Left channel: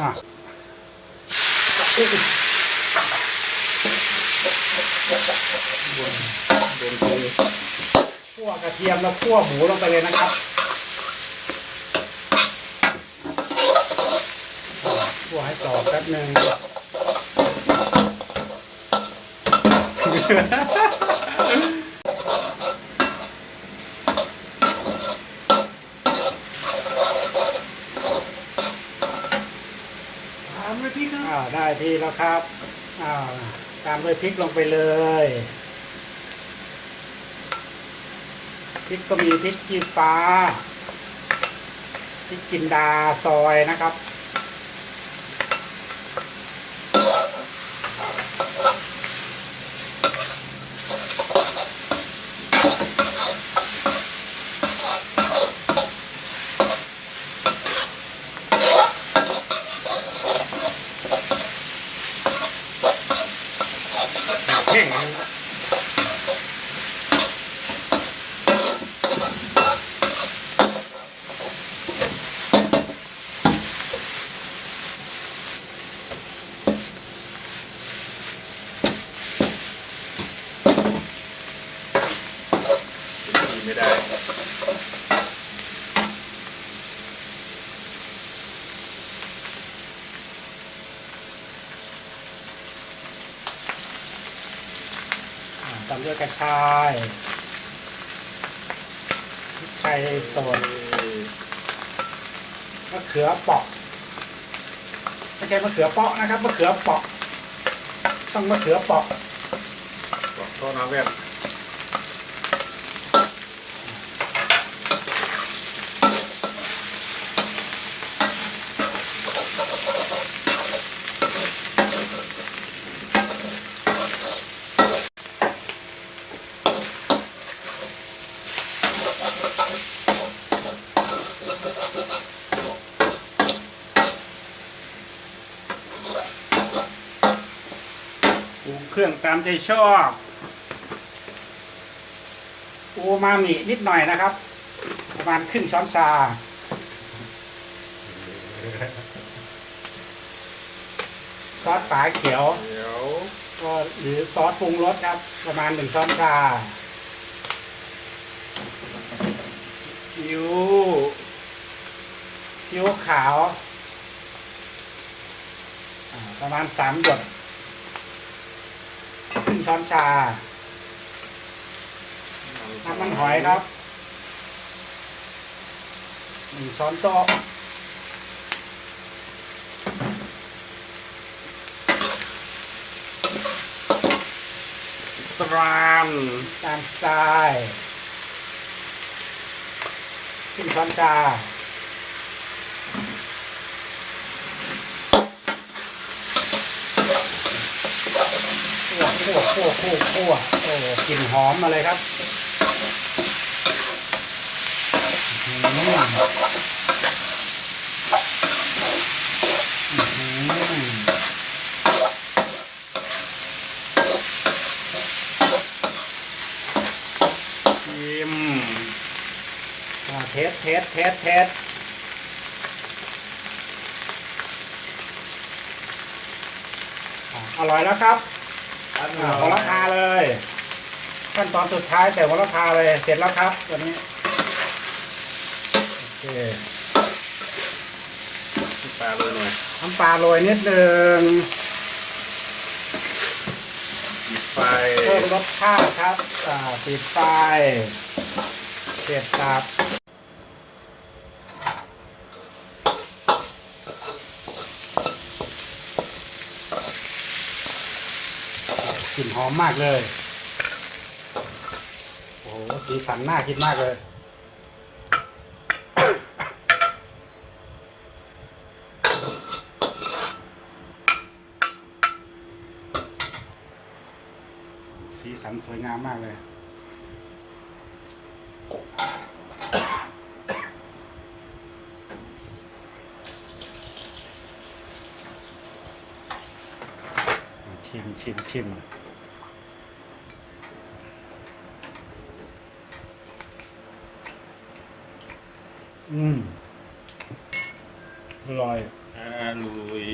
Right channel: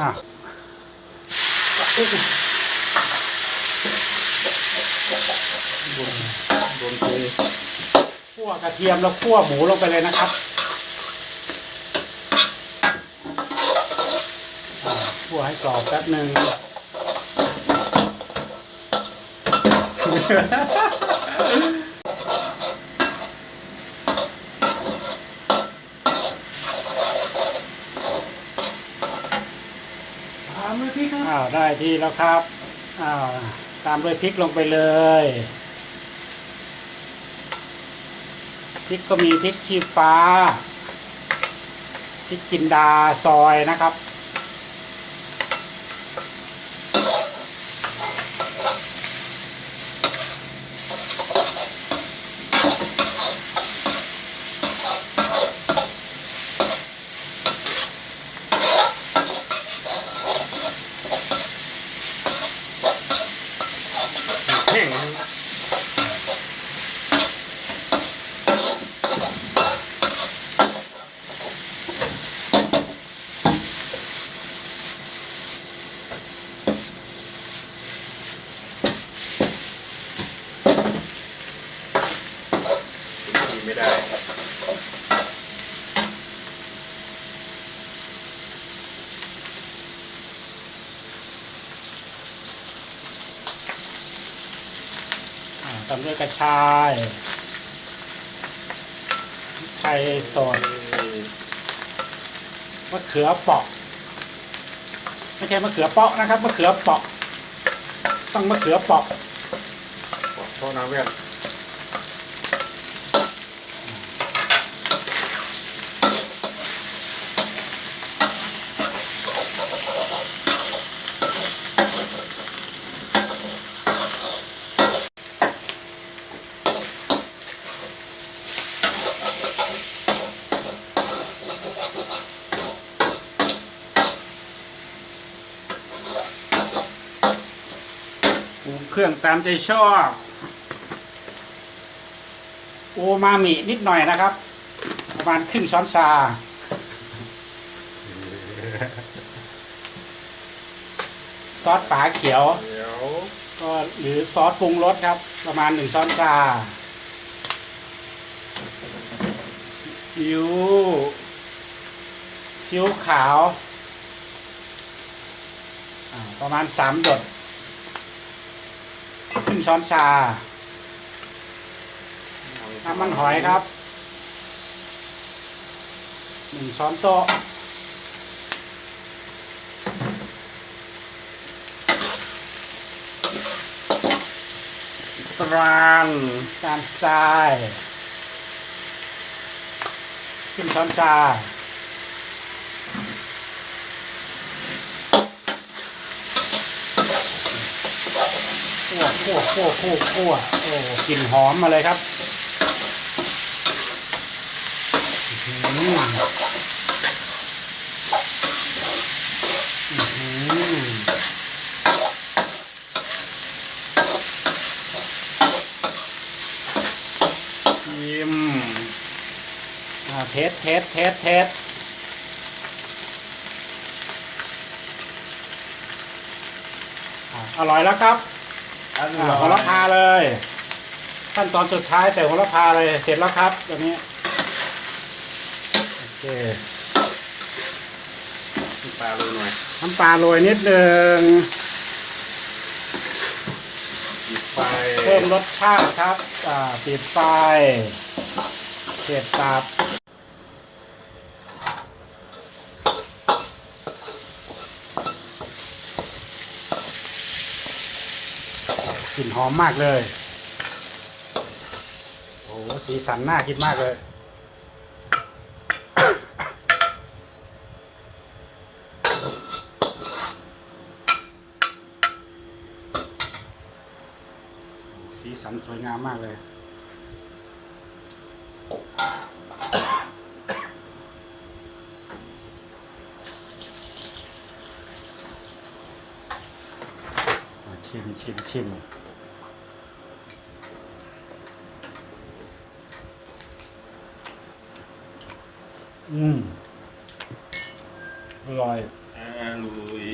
อะโดนไปคั่วกระเทียมแล้วคั่วหมูลงไปเลยนะครับคั่วให้กรอบแป๊บหนึ่ง ตามด้วยพี่ครับ อ้าวได้ที่แล้วครับอ้าวตามด้วยพริกลงไปเลยพริกก็มีพริกขี้ฟ้าพริกจินดาซอยนะครับ แห้งนะกินไม่ได้ ตามด้วยกระชายไทยสดมะเขือเปาะไม่ใช่มะเขือเปาะนะครับมะเขือเปาะต้องมะเขือเปาะ บอกโทษนะเวท เครื่องตามใจชอบโอมามินิดหน่อยนะครับ ประมาณครึ่งช้อนชาซอสฝาเขียว เดี๋ยวก็หรือซอสปรุงรสครับ ประมาณหนึ่งช้อนชาซีอิ๊วซีอิ๊วขาว ประมาณสามหยด งช้อนชา น้ำมันหอยครับหนึ่งช้อนโต๊ะตรานการทรายครึ่งช้อนชา คั่วคั่วคั่วคั่วคั่วโอ้กลิ่นหอมมาเลยครับอื้อหืออื้อหือชิมเทสเทสเทสเทสอร่อยแล้วครับ อันอ่าโหระพาเลย ขั้นตอนสุดท้ายใส่โหระพาเลย เสร็จแล้วครับตัวนี้โอเคปลาเลยหน่อยน้ำปลาโรยนิดนึงหยิบไฟเพิ่มรสชาติครับ อ่าปิดไฟเสียบตับ กลิ่นหอมมากเลย โอ้โหสีสันน่ากินมากเลย สีสันสวยงามมากเลยมชิมชิมชิม อืมอร่อย อร่อย